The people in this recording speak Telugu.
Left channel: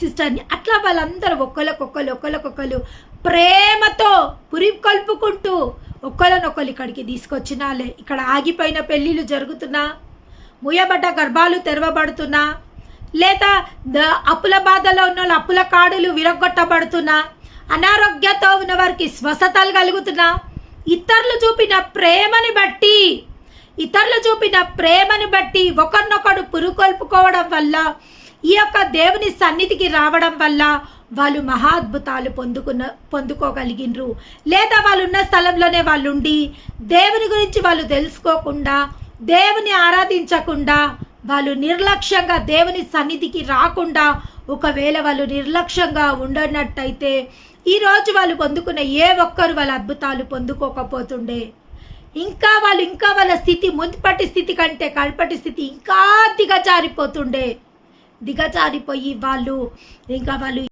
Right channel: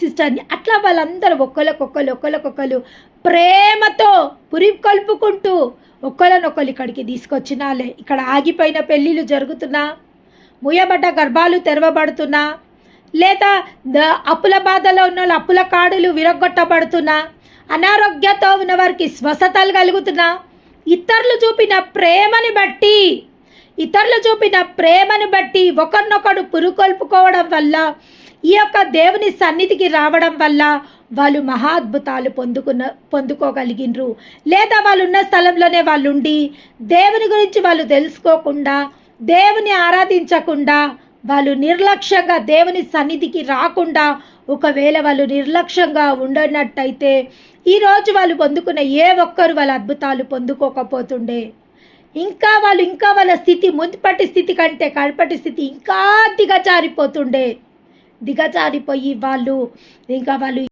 సిస్టర్ని. అట్లా వాళ్ళందరూ ఒకళ్ళకొకళ్ళు ప్రేమతో పురికొల్పుకుంటూ ఒకళ్ళనొకళ్ళు ఇక్కడికి తీసుకొచ్చినాలే. ఇక్కడ ఆగిపోయిన పెళ్ళిళ్ళు జరుగుతున్నా, ముయ్యబడ్డ గర్భాలు తెరవబడుతున్నా, లేదా అప్పుల బాధలో ఉన్న వాళ్ళు అప్పుల కాడులు విరగొట్టబడుతున్నా, అనారోగ్యంతో ఉన్న వారికి స్వస్థతలు కలుగుతున్నా, ఇతరులు చూపిన ప్రేమని బట్టి ఒకరినొకడు పురుకొల్పుకోవడం వల్ల, ఈ యొక్క దేవుని సన్నిధికి రావడం వల్ల వాళ్ళు మహాద్భుతాలు పొందుకోగలిగినరు. లేదా వాళ్ళు ఉన్న స్థలంలోనే వాళ్ళు ఉండి దేవుని గురించి వాళ్ళు తెలుసుకోకుండా, దేవుని ఆరాధించకుండా, వాళ్ళు నిర్లక్ష్యంగా దేవుని సన్నిధికి రాకుండా, ఒకవేళ వాళ్ళు నిర్లక్ష్యంగా ఉండనట్టయితే ఈరోజు వాళ్ళు పొందుకున్న ఏ ఒక్కరు వాళ్ళ అద్భుతాలు పొందుకోకపోతుండే. ఇంకా వాళ్ళ స్థితి మున్పటి స్థితి కంటే కడపటి స్థితి ఇంకా దిగజారిపోయి వాళ్ళు